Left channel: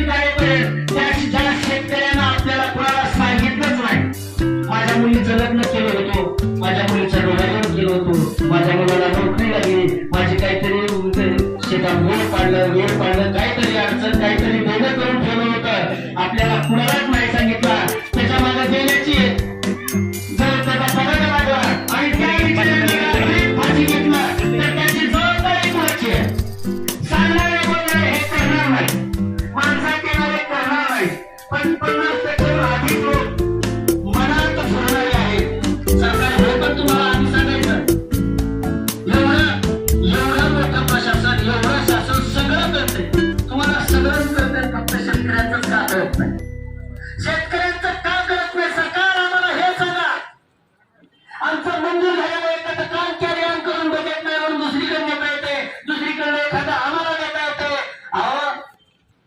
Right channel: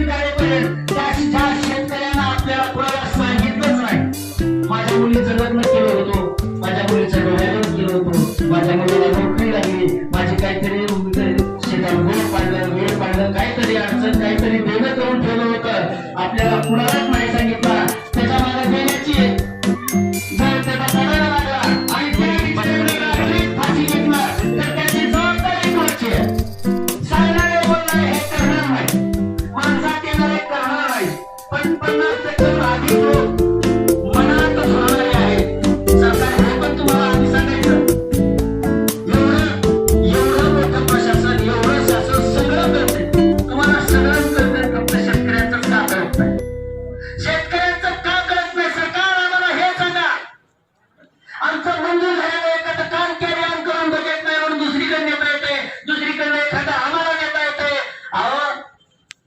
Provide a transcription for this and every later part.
तीन तारखेपर्यंत ज्या शेतकऱ्यांना आपल्याला कुणाला सांगितलंच नाही, माझ्या मुलीचं लग्न केलं होतं, माझ्या मुलीचं डोळ्यावर केलं होतं, माझ्या मुलाला नोकरी लागली, माझी काहीतरी शेतात वेळ पाडलं, काहीतरी अडचण, काहीतरी देणं करून ठेवलं होतं, आपल्याला कुणालाच नाही सांगितलं, त्याच्या मागे देण्याची जर त्याचा पडायला लागला आणि त्या विचाराने फाशी घेतला तर त्याची जबाबदारी कोणाची आहे? सांगणारे बोलणारे हे करणार नाही, माणसा केलेले करणार नाही, पण 50% आधी जो मनात होणारे आहेत. सरकार हे पण तुम्हाला आधी सांगायचं, एवढं मोठं प्रशासन, एवढं शासन सगळं करते, तुम्हाला सगळंच करते, फक्त शेतकऱ्यांचं का करत नाही? शेतकऱ्यांचं का करत नाही? सरकार आम्हाला हे सांगा. आमचं मंजूर झालेलं एखादं काम कॅरी ऑन करून बजेट नाही म्हणून दुसरीकडे नेता येते, दुसरीकडे एखादं आम्हाला नेता येते. अहो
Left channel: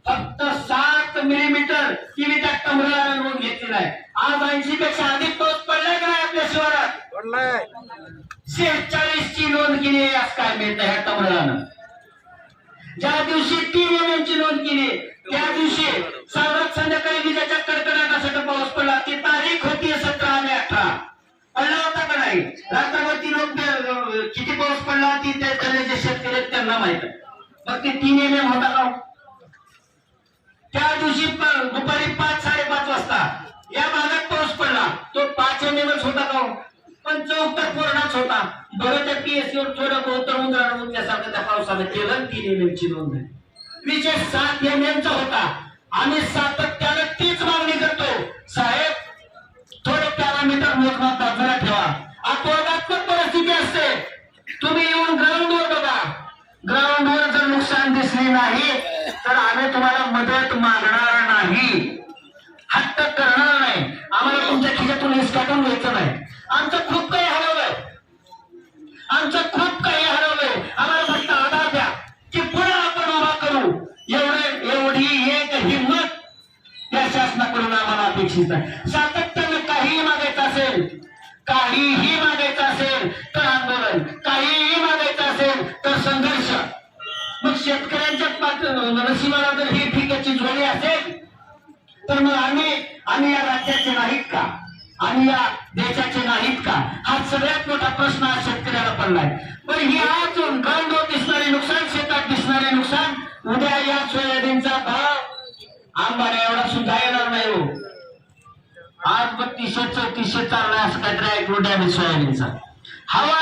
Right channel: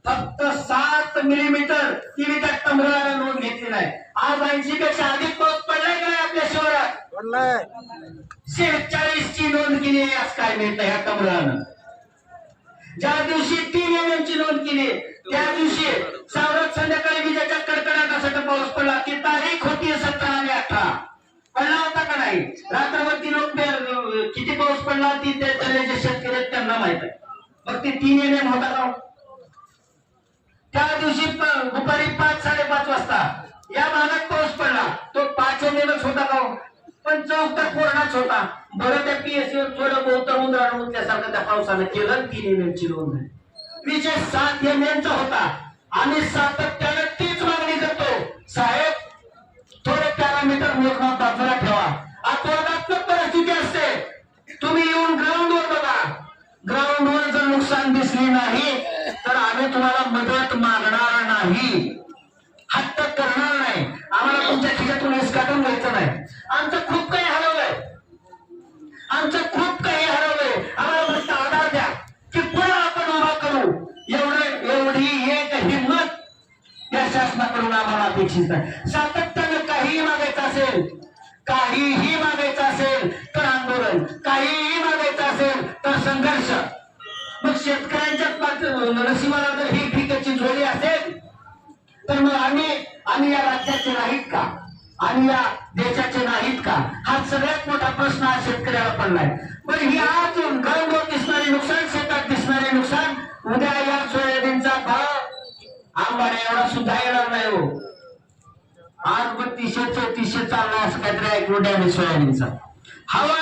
फक्त 7 मिलीमीटर किती टक्का नोंद घेतलेला आहे. आज 80 पेक्षा अधिक पाऊस पडलाय का नाही आपल्या शहरात? 46 ची नोंद केली आहे. आज काय मिळतं ह्या कमळानं? ज्या दिवशी 3 mm ची नोंद केली त्या दिवशी सावरत संध्याकाळी विजेच्या कडकडाटासाठी पाऊस पडला. ती तारीख होती 17 आणि 18. पडला होता का नाही? रात्रभर लोक किती पाऊस पडला ती त्यातले जे शेतकरी त्यांना माहित आहे. मग ती 3 mm होता का? त्या दिवशी दुपारी 5-5:30 वाजता या भागात पाऊस पडला, तो 5 mm होता का? पण चौकट पूर्णच होता. बरं त्या पीएससीवर थोडं बहुत उंदरानं उठल्यासारखं त्या पावसानं केलं, 3 mm ची नोंद आहे. विजय 7 mm चा होता. आम्ही सातत्याने तीच मागणी करतो, साहेब थोडे पॅरामीटर मोजमाप बाजूला ठेवा. अपवादात्मक परिस्थिती असते, तुम्ही येऊन ग्राउंडवर बघा. ग्राउंडवर जर नुकसान दिसले नाही तर आम्ही तुम्हाला मदत मागणार नाही, हट्ट करणार नाही. आम्हाला तुमच्या खिशातून हिसकाटून घ्यायचं नाही. आमचं खूप काही हरवलंय, आमचं खूप काही हरवलंय. आम्हाला फक्त आधार द्या की पुन्हा आपण उभा करू. एवढी एक हिंमत या शासनाकडून आम्हाला अपेक्षित आहे. सातत्याने काहीही मागायचं असेल, काहीही मागायचं असेल तर आंदोलन, काहीही मागायचं असेल तर संघर्ष. मग शेतकऱ्यांच्या नशिबाला जर ही पिकाची झोळी असेल तर मग आम्ही या राज्याचे नाहीत का? आणि या देशाचे नाहीत का? हा सगळ्यात मोठा प्रश्न आज शेतकऱ्याला पडलाय. पण ही आज ग्राउंडवर दिसणारे नुकसान, शेतात दिसणारे नुकसान, उद्या या सोयाबीनचा भाव आंबाड्या एवढा सुद्धा येणार नाही हो. आज 3200-3400 चाललाय असं काहीतरी ऐकून द्या सोयाबीनचा. हवा